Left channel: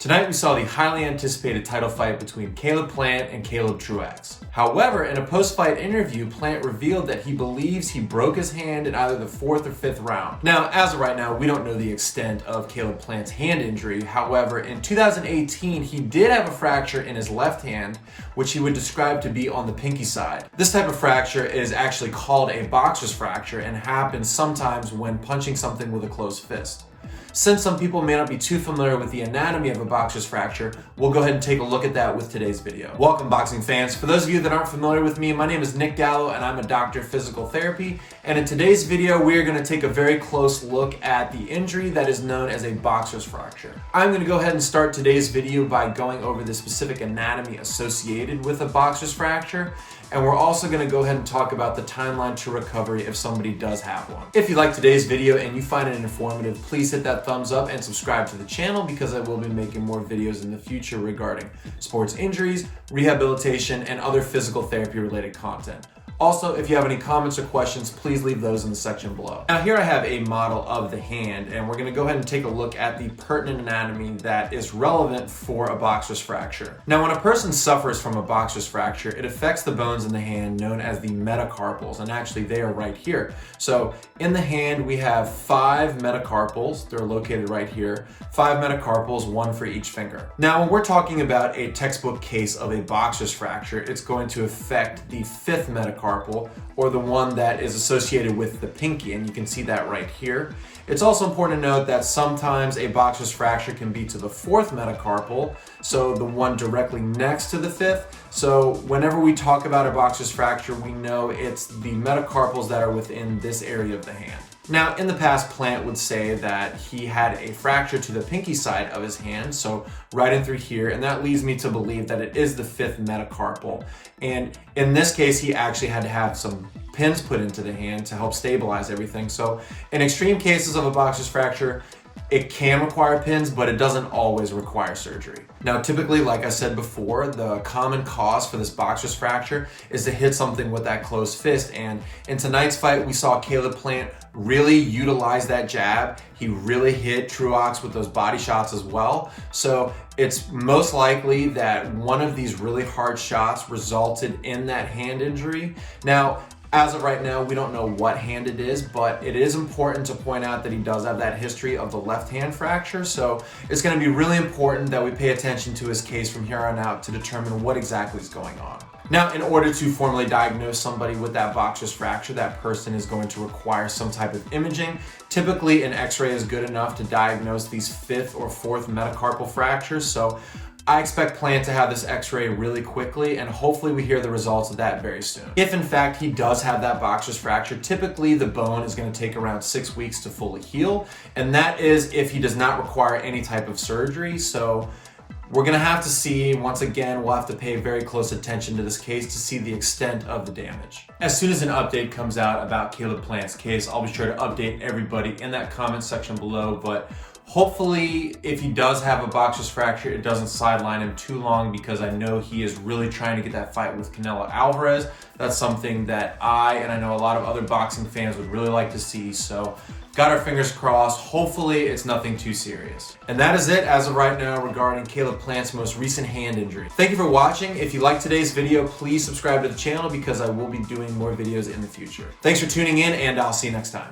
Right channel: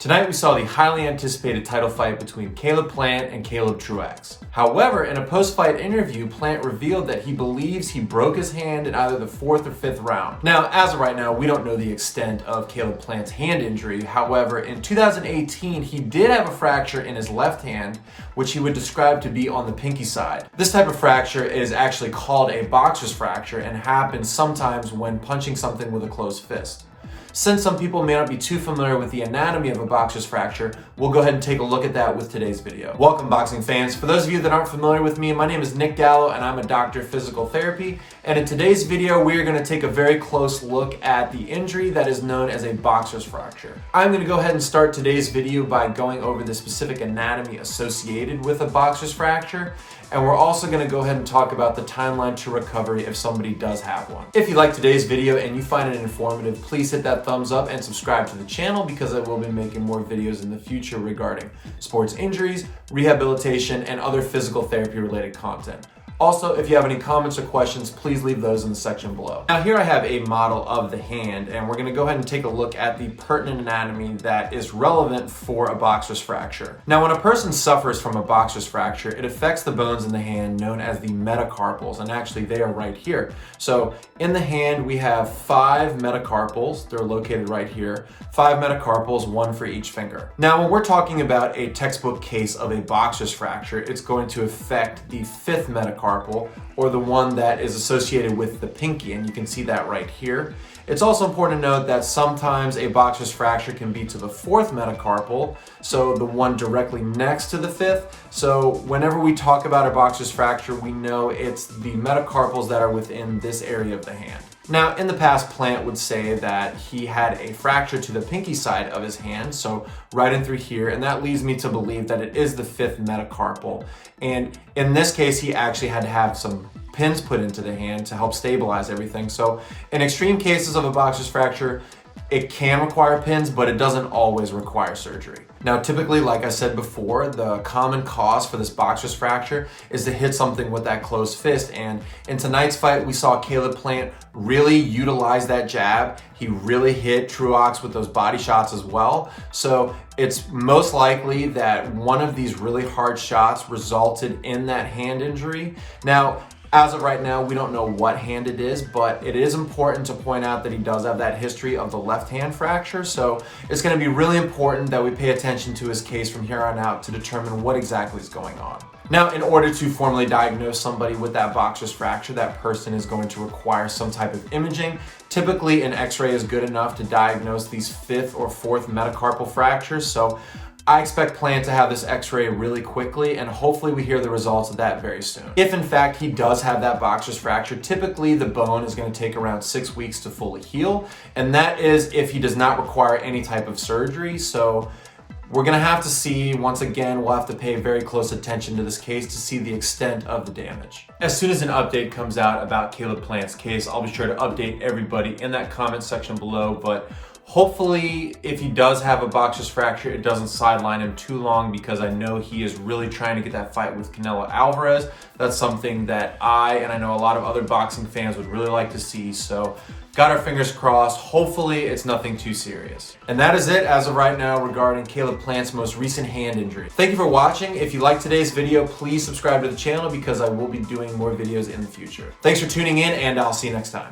Tonight we saw the highly anticipated title fight between Caleb Plant and Caleb Truax. However, in a post-fight interview, Plant revealed that he believes he broke his hand in either the 4th or 5th round. Now, as of right now, we don't know the extent of Caleb Plant's hand injury. However, in 2018, he did have a fracture in his left hand, which he would describe to be on the pinky side. This type of fracture is actually called a boxer's fracture and happens sometimes when punching something with a closed fist. Since some people may not be too familiar with the anatomy of a boxer's fracture, we'll go ahead and take a look at that with today's video. Welcome, boxing fans. For those of you that aren't familiar with me, my name is Nick Gallo and I'm a doctor of physical therapy. And in today's video, we are going to take a very close look at the injury that is known as a boxer's fracture. I'm going to go ahead and start today's video by going over the specific anatomy associated with a boxer's fracture. And we're also going to go ahead and talk about the timeline to recovery if somebody does have one. If you like today's video and you find it informative, please hit that thumbs up and subscribe to the channel because I will be making more videos in the future regarding sports injuries, rehabilitation, and other physical therapy related content. Also, if you have any comments or questions, please leave those in the section below. Now here I have a model of the hand, and we're gonna go ahead and take a look at the pertinent anatomy that is relevant for a boxer's fracture. Now, when a person suffers from a boxer's fracture, it affects the bones in the hand known as the metacarpals, and actually they are right here. So in the hand, we have 5 metacarpals. They're located right here. 5 metacarpals, 1 for each finger. Now, when we're talking about a textbook case of a boxer's fracture, it's going to affect the 5th metacarpal, or the one that is associated with the pinky, and you can see that right here. It's also important to note that sometimes a boxer's fracture can be to the 4th metacarpal, so the one directly next to the 5th. So whenever we talk about a boxer's fracture, we know it's the metacarpals that are within this area of the hand. Now, in the past, Plant would say that he had a fracture to the pinky side of his hand, so right in through here, and that leads me to believe that it is the 5th metacarpal. And in this case, he actually had to have some pins put into the hand to help stabilize everything. So in extreme cases of a boxer's fracture, it can require pins, but it doesn't always require surgery. Now, typically, like I said before, the common cause for this boxer's fracture is to hit something with that closed fist. And in tonight's fight, we saw Caleb Plant really utilize that jab. He really hit Truax with those body shots as well. So it's most likely that one of these really hard shots resulted in that hand injury. Now, as of right now, we don't know what hand it is, but it is important to point out that he does have that history of the left hand fracture. So it's going to be really important that we pay attention to his case from here on out to determine what exactly is going on. Now, in order to formally diagnose somebody with that boxer's fracture, that person is going to require some type of imaging. Typically, an x-ray is good enough to diagnose these 5th or 4th metacarpal fractures. So I expect Plant to have this x-ray really quickly, and hopefully we hear the results of that very soon. If in fact he does have that boxer's fracture, typically the bone is going to take around 6 weeks to fully heal, and that is if he does not require any type of surgery. So we're going to have to see, once again, we'll have to pay very close attention to this case to see the extent of the damage. As soon as an update comes out about Caleb Plant's case, I'll be sure to update everybody in that comment section below, but hopefully, if he does have a boxer's fracture, it doesn't sideline him too long because I know he is really trying to get that fight with Canelo Alvarez. That's something that I know a lot of other boxing fans would really like to see. So got our fingers crossed. Hopefully it's nothing too serious. And that is it as of right now regarding Caleb Plant's most recent hand injury. Thank you for watching. If you liked today's video, please subscribe to the channel because I will be doing more videos in the future. Thanks for tuning in, and I'll see you next time.